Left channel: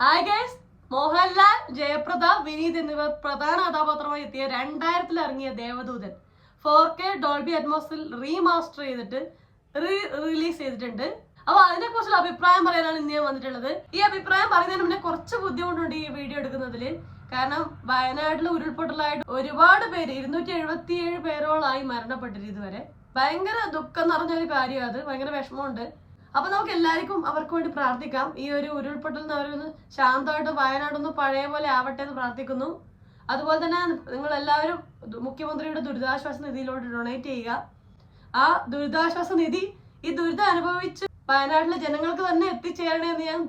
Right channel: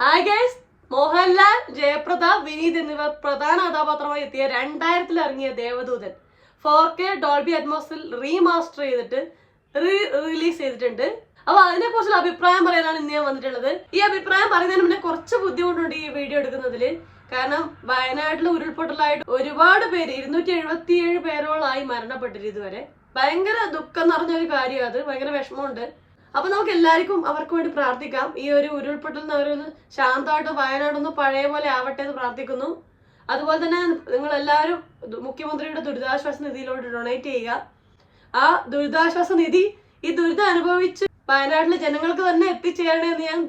Hi guys, Mohanlal, Jaya Prada, Vineeth എന്നിവർ പ്രധാന കഥാപാത്രമായി എത്തിയ 2000-ൽ ഇറങ്ങിയ ദേവദൂതൻ 4K ഡോൾബി അറ്റ്മോസിൽ റീമാസ്റ്റർ ചെയ്തിട്ട് റിലീസ് ചെയ്തിട്ടുണ്ട്. അപ്പൊ അതിനെ കുറിച്ചുള്ള അഭിപ്രായം പറയാനാണ് ഇന്ന് ഞാൻ വന്നിട്ടുള്ളത്. ഈ അഭിപ്രായം പറയുന്നതിന് മുന്നേ കുറച്ച് ബുദ്ധിമുട്ടുണ്ട് ഈ വീഡിയോ എടുക്കുന്നതില്. കാരണം വയനാട്ടിൽ ഉരുൾപൊട്ടലായിട്ട് ഒരുപാട് പേര് 277 പേരോളായി മരണപ്പെട്ടിട്ട് ഇതുവരെ. ഭയങ്കര ദുഃഖം നിറഞ്ഞൊരു കാര്യം അത്. ഭയങ്കര വിഷമമുണ്ട്. അപ്പൊ നമുക്ക് എല്ലാവർക്കും അവർക്ക് വേണ്ടി പ്രാർത്ഥിക്കാം. ഈ ഒരു ഉരുൾപൊട്ടലിന് അവരൊന്ന് ശാന്തമായിട്ട് വയനാടൊന്ന് പഴയ പോലെ ആവട്ടെ എന്ന് പ്രാർത്ഥിക്കുന്നു. അതുപോലെ തന്നെ നിങ്ങൾ എല്ലാവരും മുഖ്യമന്ത്രിയുടെ ദുരിതാശ്വാസ നിധിയിലോട്ട് ഡൊണേറ്റ് ചെയ്യുക. ആ ദുരിതാശ്വാസ നിധി ഈ ദുരിതം അനുഭവിച്ച് വയനാട്ടിലെ ജനങ്ങൾക്ക് തന്നെ എത്തിച്ചേരണേന്ന് ഞാൻ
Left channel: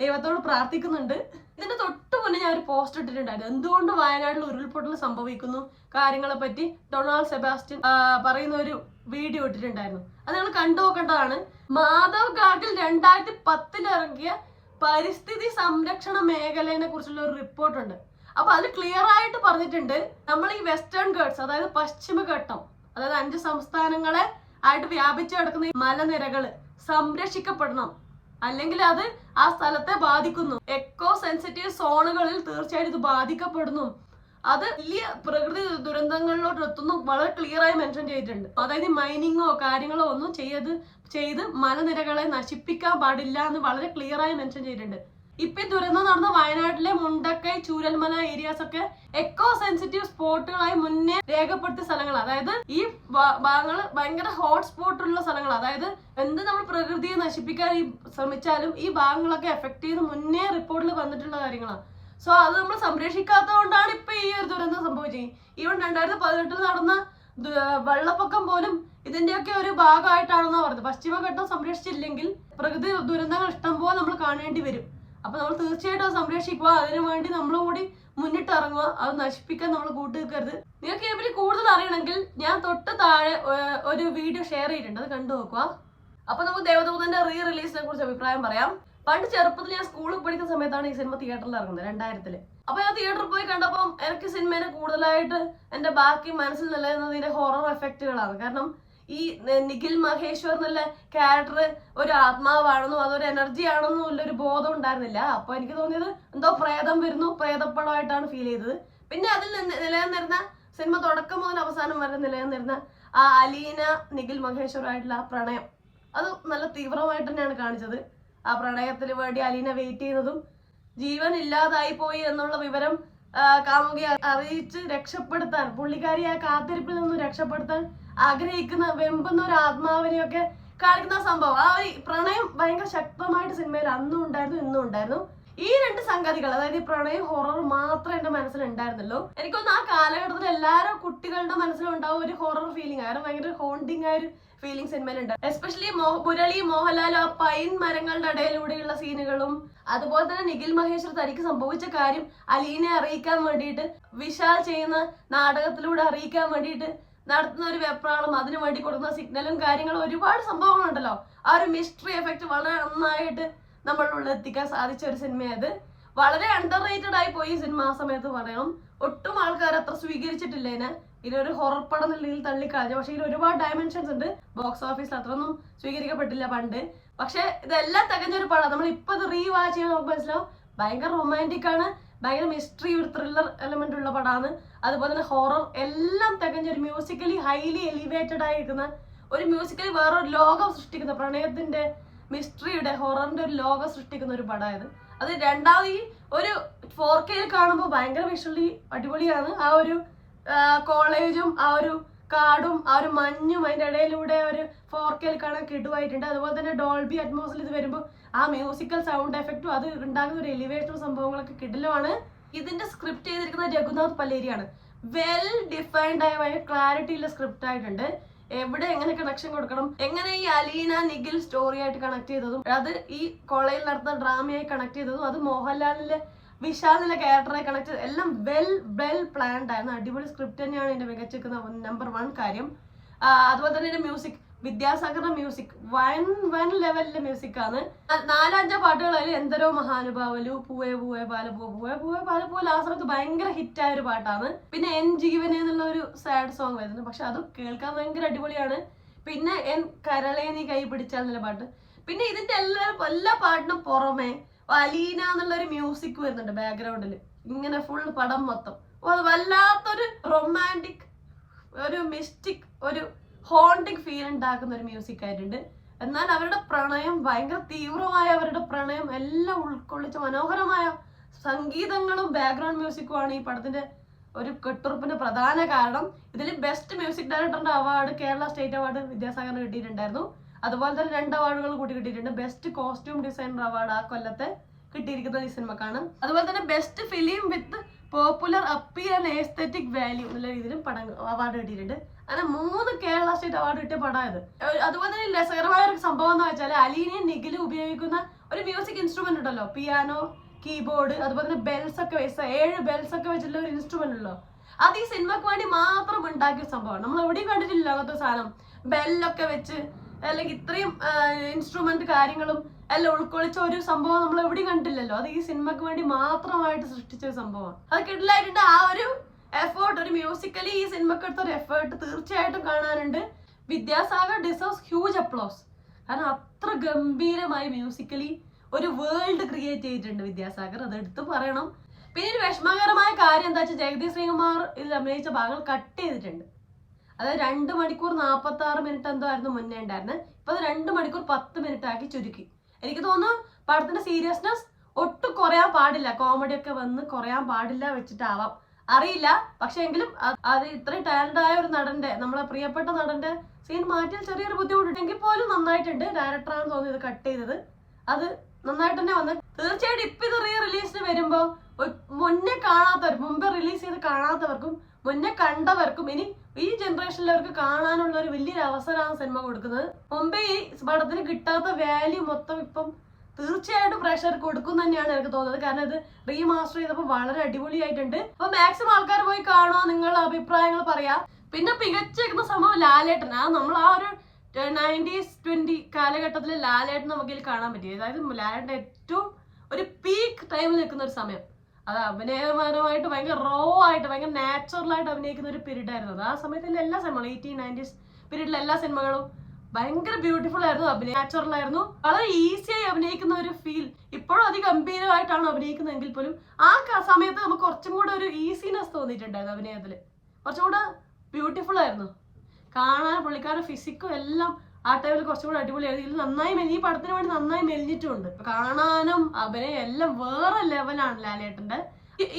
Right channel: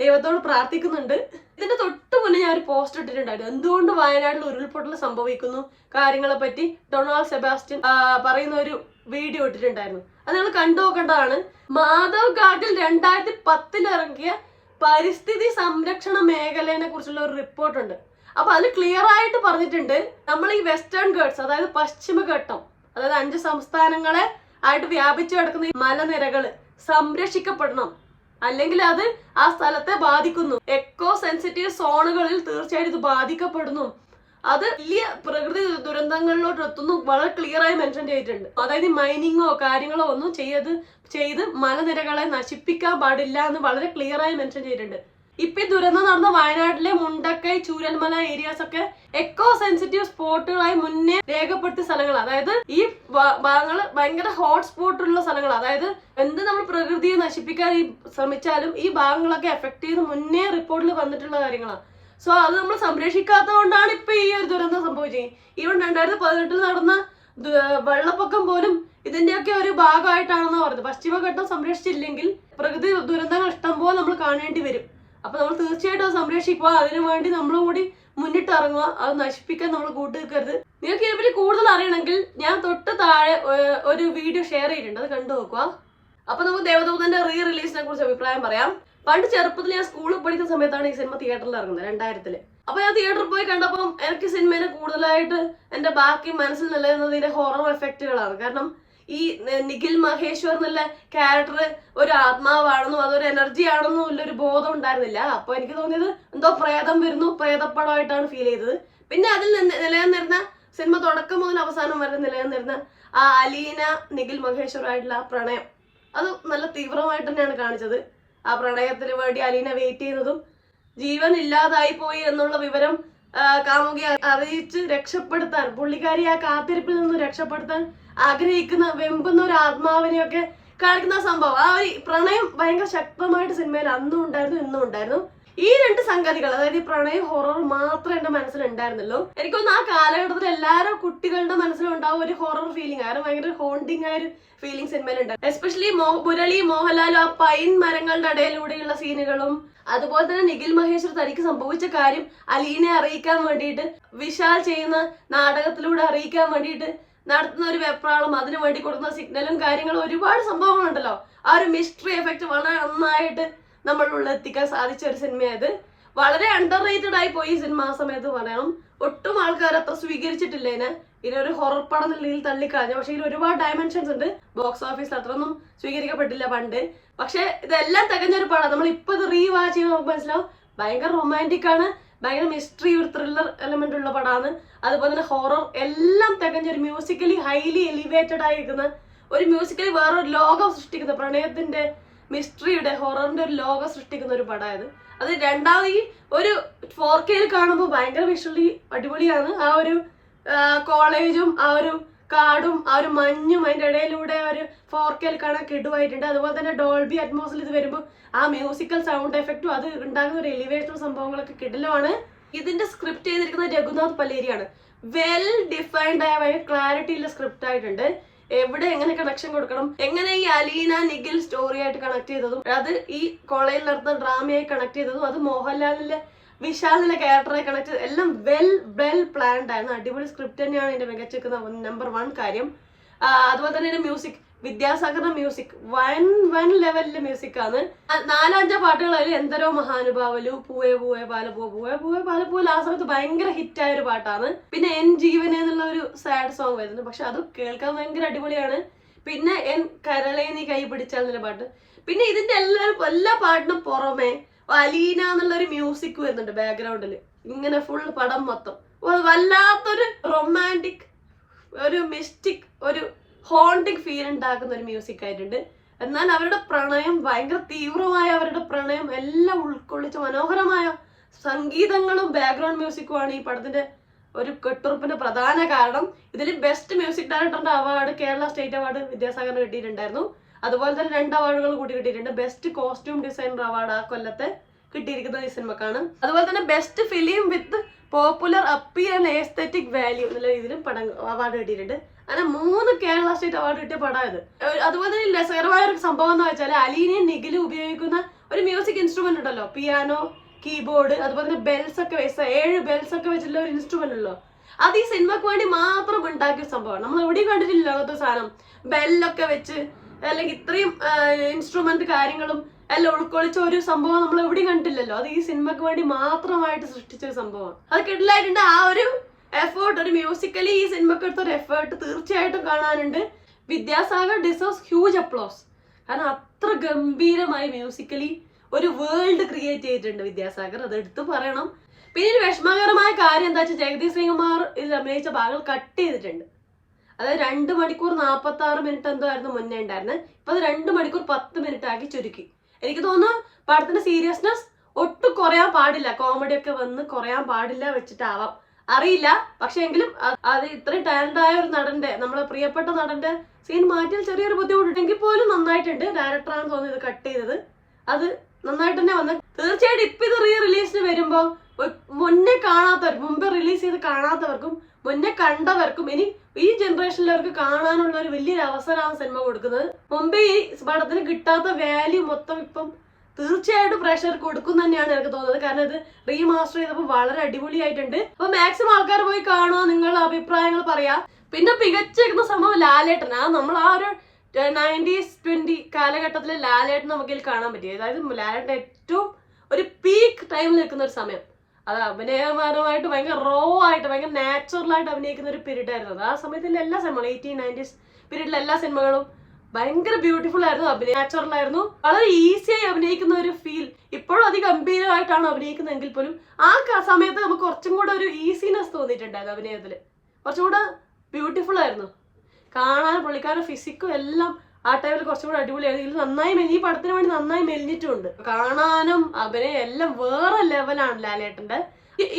ദൈവത്തോട് പ്രാർത്ഥിക്കുന്നുണ്ട്. ഇതിന്റെ തൊട്ട് മുന്നേ ഞാൻ ഒരു പോസ്റ്റ് ഇട്ടിട്ടുണ്ടായിരുന്നു. എന്തുകൊണ്ട് വയനാട്ടിൽ ഉരുൾപൊട്ടൽ സംഭവിക്കുന്നു കാര്യങ്ങളെ പറ്റി ഡൊണാൾഡ് സെബാസ്റ്റ്യൻ പറയുന്ന ഒരു വീഡിയോ ഇട്ടിട്ടുണ്ടായിരുന്നു. അത് നിങ്ങൾ കണ്ടു നോക്കേണ്ടതാണ്. മാധവ് ഗാഡിൽ 2010-ൽ ഇറങ്ങിയ പരിസ്ഥിതി സംരക്ഷണ മേഖലയെ കുറിച്ചുള്ള ഒരു റിപ്പോർട്ടുണ്ട്. അപ്പൊ അതിൽ ക്ലിയർ ആയിട്ട് പറഞ്ഞിട്ടുണ്ട്, നമ്മൾ ഈ വെസ്റ്റേൺ ഗേട്സ്, അതായത് പശ്ചിമഘട്ടം, അതായത് 5 സംസ്ഥാനങ്ങളെ ആയിട്ട് വ്യാപിച്ചു കിടക്കുന്ന ഈ മലനിരകള് സംരക്ഷിക്കപ്പെടണം. അല്ലെങ്കിൽ അത് ആ സ്ഥലത്തെ ബാധിക്കുന്നു. എക്കോ സെൻസിറ്റീവ് സോണുകളിൽ തീർച്ചയായിട്ടും ഇത് ബാധിക്കപ്പെടുന്നു. അത് വലിയ പ്രകൃതി ദുരന്തങ്ങളിലോട്ട് എത്തുന്നു വളരെ ക്ലിയർ ആയി മെൻഷൻ ചെയ്തിട്ടുണ്ട്. അതായത് മൈനിങ്ങോ കാര്യങ്ങളോ ഒന്നും ചെയ്ത് മലനിരകളെ നശിപ്പിക്കാൻ പാടില്ല എന്ന് വളരെ ക്ലിയർ ആയി മെൻഷൻ ചെയ്തിട്ടുണ്ട്. ഇപ്പൊ ഈ ദുരന്തം നടന്ന വയനാട്ടിലെ മുണ്ടക്കൈ, ചൂരൽമല ഏരിയാസ് ഒക്കെ എക്കോ സെൻസിറ്റീവ് സ്പോട്ടുകളായി മുന്നേ രേഖപ്പെടുത്തിയ സ്ഥലങ്ങൾ. അതായത് ഈ ഭാഗങ്ങള് ഭയങ്കര ഹോട്ട് സ്പോട്ടുള്ള സ്ഥലങ്ങൾ. അതായത് എന്ത് നമ്മൾ പ്രകൃതിയെ നശിപ്പിക്കാൻ ശ്രമിച്ചാലും ഈ ഭാഗങ്ങളൊക്കെ എഫക്ട് ചെയ്ത് മുന്നേ റിപ്പോർട്ടിൽ വന്നിട്ടുള്ള കാര്യങ്ങളാണ്. സോ അത് നമ്മൾ സംരക്ഷിക്കാത്തത് കൊണ്ടാണ് ഇപ്പൊ ഈ ഒരു ദുരന്തം സംഭവിച്ചത്. ഈവൻ 2018-ൽ നടന്ന വെള്ളപ്പൊക്കം പോലും ഇതിന്റെയൊക്കെ ഒരു ഭാഗമായിട്ടാണെന്ന് പറഞ്ഞത്. പശ്ചിമഘട്ടം സംരക്ഷിച്ചില്ലെങ്കിൽ പ്രകൃതി ദുരന്തങ്ങൾ ഇഷ്ടം പോലെ നമ്മൾ കാണേണ്ടി വരും. അപ്പൊ നമ്മൾ തീർച്ചയായിട്ടും അത് സംരക്ഷിക്കുക. അതിനു വേണ്ടി നമ്മളും കൂടി മുന്നിട്ടിറങ്ങുക. അത് നശിപ്പിക്കാൻ നമ്മൾ കൂട്ടുനിൽക്കരുത്. നിങ്ങൾക്ക് ഇതിനെപ്പറ്റി കൂടുതൽ അറിയണമെങ്കിൽ ഞാൻ തൊട്ട് താഴെ ഒരു വീഡിയോ ഷെയർ ചെയ്തിട്ടുണ്ട്, അത് കണ്ടു നോക്കുക. അപ്പൊ നമുക്ക് ദേവദൂതന്റെ റിലീസിനെ കുറിച്ച് അഭിപ്രായം പറയാം. പണ്ട് ചെറുപ്പത്തിൽ ഞാൻ സ്കൂളിൽ പഠിക്കുന്ന സമയത്താണ് ഈ സിനിമ തിയേറ്ററിൽ ഇറങ്ങുന്നത്, 2000-ൽ. അപ്പൊ ഞാൻ തിയേറ്ററിൽ പോയി കണ്ടപ്പോൾ എനിക്ക് സിനിമേനെ കൂടുതലായിട്ട് എന്റെ ബാക്കി മനസ്സിൽ നിലനിന്നതിന്റെ ഹൊറർ എഫക്റ്റുകളാണ്. കാരണം ഈ നിഖിൽ മഹേശ്വർ എന്നുള്ള ക്യാരക്ടർ ഒരു ആത്മാവാണെന്നും അതൊരു എനർജി ആണെന്നും ഉള്ളൊരു ബോധം ഉണ്ടായിരുന്നില്ല. അപ്പൊ എനിക്ക് തോന്നിയത് എന്തോ പ്രേതം വരുന്നു, പ്രേതപ്പടമായിട്ടാണ് ഫീൽ ചെയ്തത്. പിന്നെ അതിൽ നിലനിന്നിരുന്ന സിനിമ തുടക്കം മുതൽ അവസാനം വരെ നിലനിന്നിരുന്ന ആ അലീന നിഖിൽ മഹേശ്വർ ആയിട്ടുള്ള ആ പ്രണയം, അത് നല്ല തീവ്രമായിട്ട് തന്നെയാണ് കാണിച്ചത്. ആ പ്രണയത്തിന് വേണ്ടി അലീന വെയിറ്റ് ചെയ്യുന്നതും ജീവൻ ഇല്ലാതായി പോയി എന്നുള്ള വിവരം കാമുകിയെ അറിയിച്ച് രക്ഷപ്പെടുത്താൻ, പുള്ളിക്കാരി ആ കാത്തിരിപ്പിൽ നിന്ന് രക്ഷപ്പെടുത്താൻ ആഗ്രഹിക്കുന്ന വെമ്പുന്ന ഒരു ആത്മാവിനെയൊക്കെ കാണിക്കുന്ന സംഭവം. ആ ഒരു പ്രണയം ഭയങ്കര ശക്തമായിട്ട് സിനിമയിൽ അന്നും ഉണ്ടായിരുന്നു, ഇന്നും ഉണ്ടായിരുന്നു. ഈ 2 സംഗതികൾ, അതായത് ഈ പ്രണയം ഹൊറർ മാത്രമേ എന്റെ മനസ്സിൽ ഉണ്ടായിരുന്നല്ലോ. എനിക്കൊന്ന് ആ കാലഘട്ടത്തിൽ എല്ലാവരും കുട്ടികളുടെ മനസ്സിലുണ്ടാവും ഒരു ഹൊറർ ഫീലിംഗ്. കാരണം ഭയങ്കര ഹോണ്ടിങ് ആയ ഒരു ഫീലിംഗ് സിനിമയിലുണ്ട്. എസ്പെഷ്യലി മുരളി മോഹൻലാലും ആ പൈൻ മരങ്ങളുടെ ഇടയിലൂടെയുള്ള സീനുകളും, അതുപോലെ തന്നെ നിഖിൽ മഹേശ്വർ തനിക്ക് സംഭവിച്ച കാര്യം അലീനെ അറിയിക്കാൻ വേണ്ടിയിട്ട് വിശാൽ ചെയ്യുന്ന നാടകത്തിലൂടെ അറിയിക്കാൻ വേണ്ടിയിട്ട് നടത്തുന്ന ഒരു വെപ്രാളം, അതിനു വേണ്ടി കൊടുക്കുന്ന സിഗ്നലും കാര്യങ്ങളും, ഒരുപാട് സംഭവങ്ങളുണ്ടല്ലോ. ആ ഒരു മിസ്റ്ററി എഫക്ട് വളരെ നന്നായിട്ട് നമ്മളുള്ള എത്തിക്കാൻ സാധിച്ച ഒരു സിനിമയത്. വളരെ അണ്ടർ റേറ്റഡ് ആയി പോയി ഈ സിനിമ ആ സമയത്ത് പറയണം. ഒട്ടും ആൾക്കാർ അത്ര സ്വീകരിച്ചിട്ടില്ല ഇതിനൊരു ഹൊറർ പടം നിലയിൽ തള്ളിക്കളഞ്ഞു. പക്ഷെ ഇതിൽ ഒരുപാട് ഡയമെൻഷൻസ് ഉണ്ട്. ബോക്സ് ഓഫീസിൽ അത്രയൊന്നും സ്വീകരിക്കപ്പെട്ടില്ല പണ്ട്. പക്ഷെ ഇതെല്ലാം തികഞ്ഞൊരു പടം. നമ്മൾ ഇപ്പൊ ഇത് റീവാച്ച് ചെയ്യുമ്പോൾ നമുക്ക് മനസ്സിലാവും ഭയങ്കര റൊമാൻറ്റിക് ആണ്, ഭയങ്കര മിസ്റ്ററി, ഒരു ത്രില്ലർ എലമെന്റ് ഉള്ള പടമാണ്. അതുപോലെ തന്നെ ഹൊറർ എല്ലാം തികഞ്ഞൊരു മ്യൂസിക്കലി ഹൈലി എലിവേറ്റഡ് ആയിരിക്കുന്ന ഒരു മ്യൂസിക്കലി വേറൊരു ലോകം സൃഷ്ടിക്കുന്ന, പ്രണയത്തിന്റെ മിസ്റ്ററിയുടെ ഹൊററിന്റെ ഒരു ലോകം സൃഷ്ടിക്കുന്ന ഒരു പടമായത്. അത് രണ്ടാമത് ഈ ഒരു 4K-ൽ കാണുമ്പോൾ ഭയങ്കര വിഷ്വലി അടിപൊളിയാണ്. ആ ഒരു കോളേജും ആ ഒരു കാടും ആ ഒരു മഞ്ഞും അതിന്റെ ഇടയിലൂടെ ഒരു 4K-ൽ കാണാൻ കിടുവായിട്ടുണ്ട്. അതുപോലെ തന്നെ ഡോൾബി അറ്റ്മോസിൽ ഇത് വരുമ്പോൾ ആ മ്യൂസിക്കൽ സൗണ്ട് എഫക്റ്റും അത് ഉണ്ടാകുന്ന ഒരു എലിവേഷനും സംഭവങ്ങളൊക്കെ കിടിലമാണ്. ഇതിന്റെ സ്ക്രിപ്റ്റ് ചെയ്തിരിക്കുന്ന രഘുനാഥ് പല്ലേരിയാണ്. വെൽ ഡിഫൈൻഡ് ആയ ഭയങ്കര ക്ലാരിറ്റി ഉള്ള സ്ക്രിപ്റ്റ് ആയിട്ടുണ്ട്. എവിടെ എങ്ങനെ കണക്ഷൻ കൊടുക്കണം, എങ്ങനെ ഈ അലീന നിഖിൽ സ്റ്റോറി ആയിട്ട് കണക്ട് ചെയ്തതും, അത് ഈ കോളേജിൽ നടത്തുന്ന ഡ്രാമയായി കണക്ട് ചെയ്തതും, അത് മോഹൻലാലിന്റെ വിശാലിന്റെ ക്യാരക്ടറെ കണക്ട് ചെയ്ത് എല്ലാം വെൽ പ്ലാൻഡ് ആയിരുന്നു. അടിപൊളി സ്ക്രിപ്റ്റ് തന്നെയാണ് ഇതിന്റെ മികച്ചിരിക്കുന്ന നമ്പർ 1 കാര്യം. അതുപോലെ തന്നെ ഇതിന്റെ മ്യൂസിക്, വിദ്യാസാഗറിന്റെ മ്യൂസിക് വൻ ലെവലിലെ മ്യൂസിക് ആണ്. 4-5 പാട്ടുകളിൽ എന്തരോ മഹാനുഭാവലു, പൂവേ പൂവേ പാലപ്പൂ, പൂവേ പൂവേ പാലപ്പൂ ആ സമയത്ത് ഭയങ്കര ഹിറ്റായ ഒരു പാട്ടാണ്. പിന്നെ എൻ ജീവനെ എന്നുള്ള ഒരു സാഡ് സോങ് വരുന്നു, പക്ഷെ അത് കേൾക്കാൻ ഭയങ്കര അടിപൊളിയാണ്. പിന്നെ എൻ കരളേ നീ കൈ പിടിച്ചാൽ എന്നുള്ള പാട്ട്. പിന്നെ ഇതിന്റെ എല്ലാ പാട്ടിനും പുറമെ അലീന എന്നുള്ളൊരു മ്യൂസിക് വരുന്നുണ്ട് ബാക്ക്ഗ്രൗണ്ടിൽ, ഇങ്ങനെ ഫുൾ പടം മൊത്തം വല്ലാത്തൊരു റൊമാൻറ്റിക്, ഒരു മിസ്റ്റിക്, ഒരു ഹോണ്ടിങ് ഫീൽ ഉണ്ടാക്കുന്ന ഒരു മ്യൂസിക് ആയിട്ടുണ്ട്. എന്നാൽ അവരുടെ പ്രണയം ഭയങ്കര തീവ്രമായ അവരുടെ പ്രണയം എല്ലാം ഉൾക്കൊള്ളിച്ച മനോഹരമായ സംഗീതങ്ങളും ബാക്ക്ഗ്രൗണ്ട് മ്യൂസിക്കുമാണ് ഈ പടത്തിന്റെ ഒരു കെട്ടുറപ്പിന്റെ പ്രധാന കാരണം. ഇതിൽ ബെസ്റ്റ് മ്യൂസിക് ഡയറക്ടറിന്റെ അവാർഡ് കേരള സ്റ്റേറ്റ് അവാർഡ് വിദ്യാസാഗറിന് കിട്ടിയിട്ടുണ്ടായിരുന്നു. അതുപോലെ തന്നെ 2 അവാർഡുകൾ കൂടി കിട്ടിയിട്ടുണ്ട്. ബെസ്റ്റ് കോസ്റ്റ്യൂം ഡിസൈനർ അവാർഡ് ആ കൊല്ലത്തെ കിട്ടിയിരിക്കുന്നത് ഈ സിനിമക്കാണ്. അതുപോലെ തന്നെ best film with popular appeal and aesthetic value എന്നുള്ള രീതിയിലും പടം അവാർഡ് കിട്ടിയിട്ടുണ്ട്. അങ്ങനെ 3 കേരള സ്റ്റേറ്റ് അവാർഡ് കിട്ടിയ പടം ഇത്. അതുപോലെ തന്നെ രസകരമായ ഒരു സംഭവം എന്ന് വെച്ചാൽ അലീനയും നിഖിലും ഉപയോഗിക്കുന്ന ഒരു മ്യൂസിക് ഇൻസ്ട്രുമെന്റ് ഉണ്ടല്ലോ, പിയാനോ, കീബോർഡ്, അതുപോലെ തന്നെ ബെൽസ് ഒക്കെ 7 ബെൽസ് ഒക്കെ വെച്ചിട്ടുള്ള ഒരു ഇൻസ്ട്രുമെന്റ് ഉള്ളൂ. അത് ഈ സിനിമക്ക് വേണ്ടി മാത്രം ഉണ്ടാക്കിയ സംഭവമാണ്. നമ്മൾ എവിടെയും കണ്ടിട്ടില്ല അങ്ങനത്തെ സാധനം, ബെല്ലൊക്കെ വെച്ച് അല്ലെങ്കിൽ ഇത്രയും ഇൻസ്ട്രുമെന്റ് കാര്യങ്ങളും എല്ലാം ഉൾക്കൊള്ളിച്ച ഒരു സംഭവം നമ്മൾ എവിടെയും കണ്ടിട്ടില്ലല്ലോ. അത് ഈ സിനിമക്ക് വേണ്ടി മാത്രമായിട്ട് സൃഷ്ടിച്ച ഒരു സംഭവമാണ്. അത് കിട്ടില്ലായിട്ടുണ്ട്. ആ ഒരു എഫേർട്ട്, ഒരു മ്യൂസിക്കലി ഈ സിനിമക്ക് എടുത്ത ഒരു എഫേർട്ട് തീർച്ചയായിട്ടും കാണാനുണ്ട്. Vidyasagar deserves huge applause. കാരണം അത്ര ഗംഭീരമായി മ്യൂസിക്കലി ഒരു വേൾഡ് ക്രിയേറ്റ് ചെയ്തിട്ടുണ്ട് വിദ്യാസാഗർ, അത് എടുത്ത് പറയണം. പിന്നെ ഒരു വിഷമകരമായ കാര്യം എന്താ വെച്ചാൽ ജഗദീഷ് ശ്രീകുമാർ ഇതിൽ അഭിനയിച്ച ഭാഗങ്ങൾ കട്ട് ചെയ്തിട്ടുണ്ട്. അതായത് 2 മണിക്കൂർ 46 മിനിറ്റ് എന്തോ ആയിരുന്നു മുന്നേ ഉണ്ടായിരുന്നത്. ഇപ്പൊ അത് 2 മണിക്കൂർ 10 മിനിറ്റ് ആക്കി ചുരുക്കി. എനിക്ക് തോന്നുന്നു പടത്തിന്റെ സീരിയസ്നെസ് ഒട്ടും കുറയാൻ പാടില്ല, കോമഡി ഒക്കെ വന്ന് കുറയാൻ പാടില്ല വെച്ചിട്ടാവാം, അറിയില്ല. പക്ഷെ എങ്കിലും അത് ഇത്രയും ടാലന്റ് ആയ ഒരു നടന്റെ, നമ്മളെ പ്രിയപ്പെട്ട നടന്റെ സീൻ മാറ്റിയാൽ ചെറിയൊരു ബുദ്ധിമുട്ടുണ്ടെങ്കിൽ പോലും നന്നായിട്ടുണ്ട്. ഡയറക്ടറാണ് തോന്നുന്നത് ഇത് കട്ട് ചെയ്തത്, അത് നന്നായിട്ട് തന്നെ വന്നത്. തീർച്ചയായിട്ടും ഇപ്പൊ ഇത് റിലീസിന് വരുമ്പോ മുന്നേ കാണാത്തവർ, മുമ്പ് റിലീസ് ചെയ്ത് കാണാത്തവർക്കും മുന്നേ കണ്ടവർക്കും ഇനി ഈ ജനറേഷനിലവർക്ക് കാണാനുള്ള ഒരു വലിയൊരു അവസരമാണ് സിനിമ കൊടുക്കുന്നത്. മുമ്പേ ഈ പടത്തിന് കിട്ടാത്ത വാല്യൂ മൊത്തം ഇപ്പം തീർച്ചയായിട്ടും പ്രേക്ഷകർക്ക് കൊടുക്കും തന്നെയാണ് എനിക്ക് തോന്നുന്നത്. കാരണം ഇത് റീമാസ്റ്റർ ചെയ്തപ്പോൾ വളരെ അടിപൊളിയായിട്ടുണ്ട്. അപ്പൊ മാക്സിമം ആൾക്കാർ പോയി കാണുക, നിങ്ങളുടെ അഭിപ്രായങ്ങൾ പറയാ. പിന്നെ മികച്ചിരിക്കുന്ന സംഭവം ലാലേട്ടൻ. നമ്മൾ ആ ഒരു 90s 20 കാലഘട്ടത്തിലെ ലാലേട്ടൻ നമുക്കിൽ കാണാൻ പറ്റി. അതായത് ലാലേട്ടൻ ഏറ്റവും ഒരു പീക്ക് ടൈമിൽ നിൽക്കുന്ന ഒരു സമയം. അത് അഭിനയപരമായിട്ട് ഭയങ്കര റോ ആയിട്ട് ഭയങ്കര നാച്ചുറലായിട്ട് അഭിനയിക്കുന്ന ഒരു പീരീഡ് ആയിരുന്നു അത്. ആ സമയത്തുള്ള എല്ലാ സിനിമകളും 1890s പീരീഡിലെ എല്ലാ സിനിമകളും ഭയങ്കര ബ്യൂട്ടിഫുൾ ആയിരുന്നു, നാച്ചുറൽ ആയിരുന്നു, വളരെ ഈസിയായി അഭിനയിക്കുന്ന ഒരു ഫീൽ. ഇപ്പോഴും അതിഗംഭീരമായിട്ടാണ് അഭിനയിക്കുന്നതെങ്കിൽ പോലും ആ സമയത്ത് നമുക്ക് കുറച്ചും കൂടെ ഒരു ഈസിനെസ് തോന്നിയിട്ടുണ്ടായിരുന്നു അഭിനയത്തിൽ. കുറച്ചും കൂടെ ബ്യൂട്ടിഫുൾ ആയിരുന്നു കാണാൻ. പുള്ളിക്കാരുടെ ഫിസിക്കും എല്ലാം ആ ടൈമിൽ കുറച്ചും കൂടെ അടിപൊളിയായിരുന്നു. ഇതിൽ നന്നായി ഈ പടത്തിന് വേണ്ടി നന്നായി മെലിഞ്ഞിട്ടുമുണ്ട്. കാണാനും അഭിനയം എല്ലാം വേറെ ലെവലാണ് ലാലേട്ടന്റെ.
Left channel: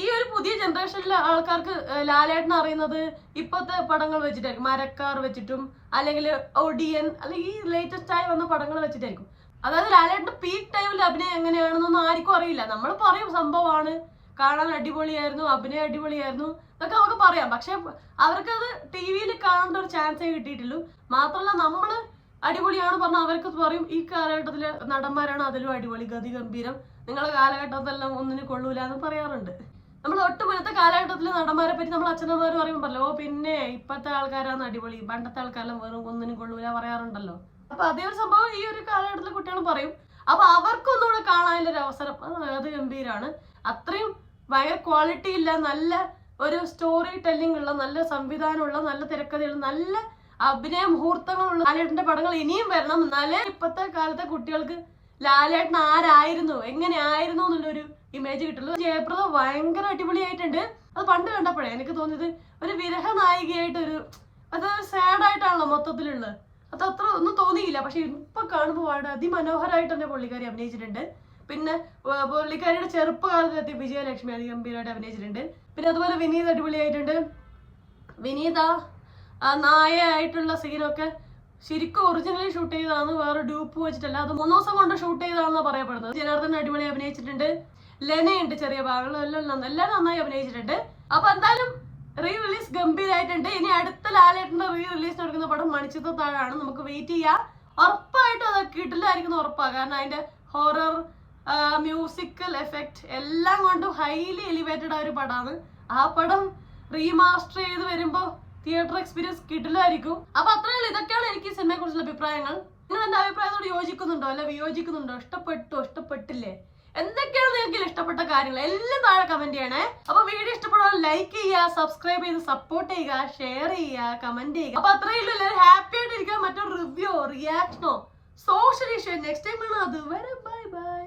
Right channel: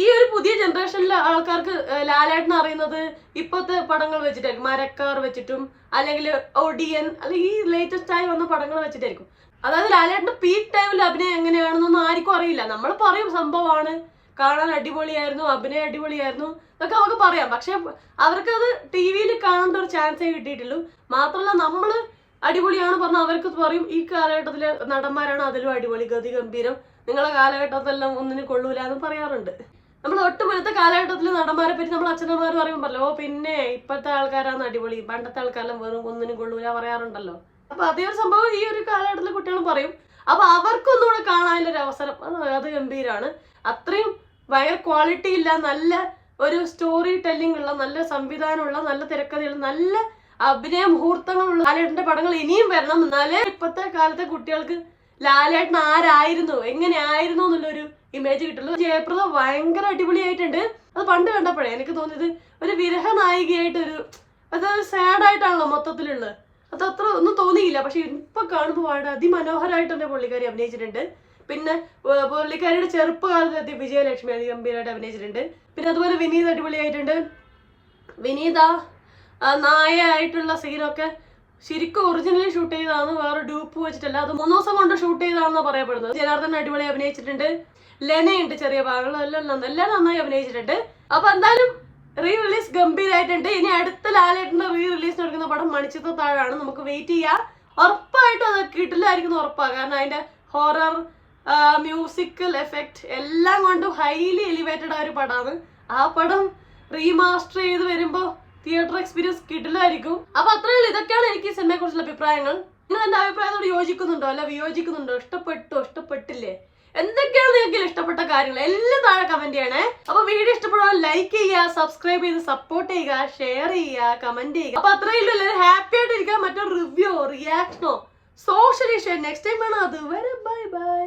ഈ ഒരു പുതിയ ജനറേഷനിലെ ആൾക്കാർക്ക് ലാലേട്ടൻ അറിയുന്നത് ഇപ്പോഴത്തെ പടങ്ങൾ വെച്ചിട്ടായിരിക്കും, മരക്കാർ വെച്ചിട്ടും അല്ലെങ്കിൽ ഒടിയൻ അല്ലെങ്കിൽ ഈ ലേറ്റസ്റ്റ് ആയി വന്ന പടങ്ങൾ വെച്ചിട്ടായിരിക്കും. അതായത് ലാലേട്ടന്റെ പീക്ക് ടൈമിൽ അഭിനയം എങ്ങനെയാണെന്നൊന്നും ആർക്കും അറിയില്ല. നമ്മൾ പറയും സംഭവമാണ്, കാണാൻ അടിപൊളിയായിരുന്നു, അഭിനയം അടിപൊളിയായിരുന്നു ഇതൊക്കെ നമുക്ക് പറയാം. പക്ഷെ അവർക്കത് TV-യിൽ കാണേണ്ട ഒരു ചാൻസേ കിട്ടിയിട്ടുള്ളൂ. മാത്രമല്ല നമ്മൾ അടിപൊളിയാണ് പറഞ്ഞാൽ അവർക്ക് പറയും ഈ കാലഘട്ടത്തിലെ നടന്മാരാണ് അതിലും അടിപൊളി, ഗതി ഗംഭീരം, നിങ്ങളെ കാലഘട്ടത്തിലെല്ലാം ഒന്നിനും കൊള്ളൂല എന്ന് പറയാറുണ്ട്. നമ്മൾ ഒട്ടുമുന്നത്തെ കാലഘട്ടത്തിലെ നടന്മാരെ പറ്റി നമ്മൾ അച്ഛനമ്മമാർ പറയുമ്പോൾ പിന്നെ ഇപ്പോഴത്തെ ആൾക്കാരാണ് അടിപൊളി, പണ്ടത്തെ ആൾക്കാരെല്ലാം വെറും ഒന്നിനും കൊള്ളൂല പറയാറുണ്ടല്ലോ. അപ്പൊ അതേ ഒരു സംഭവം ഈ ഒരു കാലഘട്ടത്തിലെ കുട്ടികൾ പറയും. അപ്പൊ അവർക്കൊന്നുകൂടെ കാണാനുള്ളൊരു അവസരം അത് ഗംഭീരമാണ്. അത്രയും ഭയങ്കര ക്വാളിറ്റി ഇല്ല, നല്ല ഒരു സ്റ്റോറി ടെല്ലിംഗ് ഉള്ള, നല്ല സംവിധാനമുള്ള, നല്ല തിരക്കഥയുള്ള, നല്ല അഭിനയ മുഹൂർത്തങ്ങളുള്ള ലാലേട്ടന്റെ പടങ്ങൾ ഇനിയും വരണം. എന്നാലേ ഇപ്പോഴത്തെ കാലത്തെ കുട്ടികൾക്ക് ലാലേട്ടൻ ആരായിരുന്നു, എങ്ങനെയായിരുന്നു എന്നുള്ളൊരു ഇമേജ് കിട്ടുള്ളൂ. ജയപ്രദ ഭയങ്കര അടിപൊളിയായിട്ടുണ്ട്. അത് പണ്ട് കണ്ടപ്പോഴേ എനിക്ക് തോന്നിയത് ഒരു വിരഹ നായികയായിട്ടൊരു, അത് സാഡായിട്ടാണല്ലോ മൊത്തത്തിലുള്ളത്, അത് അത്ര ഒന്നും തോന്നിയില്ല. പക്ഷെ ഇപ്പൊ കാണുമ്പോൾ വളരെ അതിമനോഹരമായിട്ട് തന്നെ പുള്ളിക്കാരി അഭിനയിച്ചിട്ടുണ്ട്. പിന്നെ പുള്ളിക്കാരിയുടെ ചെറുപ്പകാലത്തെത്തി വിജയലക്ഷ്മി അതിഗംഭീരമായിട്ട് അഭിനയിച്ചിട്ടുണ്ട്. പിന്നെ അതുപോലെ വിനീത് അടിപൊളിയായിട്ടുണ്ട്. വിനീത നായ ആയിട്ടുള്ള സീനൊക്കെ ശരിക്കും ഒറിജിനലി ഷൂട്ട് ചെയ്തതാണ്, വേറെ ഡ്യൂപ്പ് വെച്ചിട്ടല്ല. അത് 3 ദിവസം കൊണ്ട് ഷൂട്ട് ചെയ്തതാണെന്നാണ് പറയപ്പെടുന്നത്. ജനാർദ്ദൻ അടിപൊളി അഭിനയിച്ചിട്ടുണ്ട്. ലെനയുണ്ട് ചെറിയ ഭാഗങ്ങളെല്ലാം നന്നായി അഭിനയിച്ചിട്ടുണ്ട്. അപ്പൊ എന്തായാലും റിലീസ് ഗംഭീരമായിട്ടുണ്ട്. ഇനി അടുത്ത ലാലേട്ടന്റെ റിലീസിന് എടുക്കുന്ന പടം മണിച്ചിത്രത്താഴാണ്. നമുക്ക് വെയിറ്റ് ചെയ്യാം. ഉറപ്പായിട്ടും അത് കിട്ടില്ലായിരിക്കും ഉറപ്പാണ്. കാരണം അതിന്റെ ഹൊറർ, മ്യൂസിക്കൽ എഫക്റ്റ് എല്ലാം കൊണ്ടും ഹൈലി എലിവേറ്റഡ് ആയ ഒരു പടമാണ്. ആ പടം റീമാസ്റ്റർ ചെയ്ത് വരുമ്പോ തിയേറ്റർ എക്സ്പീരിയൻസ് കിട്ടില്ലായിരിക്കും. അപ്പൊ അത്രയുള്ളൂ. ഇതൊക്കെയാണ് എനിക്ക് സിനിമയെ കുറിച്ചുള്ള അഭിപ്രായങ്ങൾ. നിങ്ങൾ എന്റെ അഭിപ്രായത്തോട് യോജിക്കുന്നുണ്ടോ അല്ല വിയോജിക്കുന്നുണ്ടോ, ഇഷ്ടപ്പെട്ടോ ഇഷ്ടപ്പെട്ടില്ലേ, എന്തൊക്കെയാണ് നിങ്ങൾക്ക് ഇഷ്ടപ്പെട്ട കാര്യങ്ങൾ എല്ലാം താഴെ കമന്റ് ചെയ്യണേ. അപ്പൊ വീഡിയോ ഇഷ്ടപ്പെടാൻ ലൈക്ക് ചെയ്യുക, സബ്സ്ക്രൈബ് ചെയ്ത് സപ്പോർട്ട് ചെയ്യുക, ഷെയർ ചെയ്യുക, കമന്റ് ചെയ്യുക. അപ്പൊ അത്രയുള്ളൂ. എല്ലാവരും ഹാപ്പി ആയിട്ടിരിക്കുക. മറ്റൊരു റിവ്യൂ റിയാക്ഷനോ സോഷ്യൽ ഇഷ്യൂ നെക്സ്റ്റ് ടൈം ആണ്. അതുവരെ ബൈ ബൈ.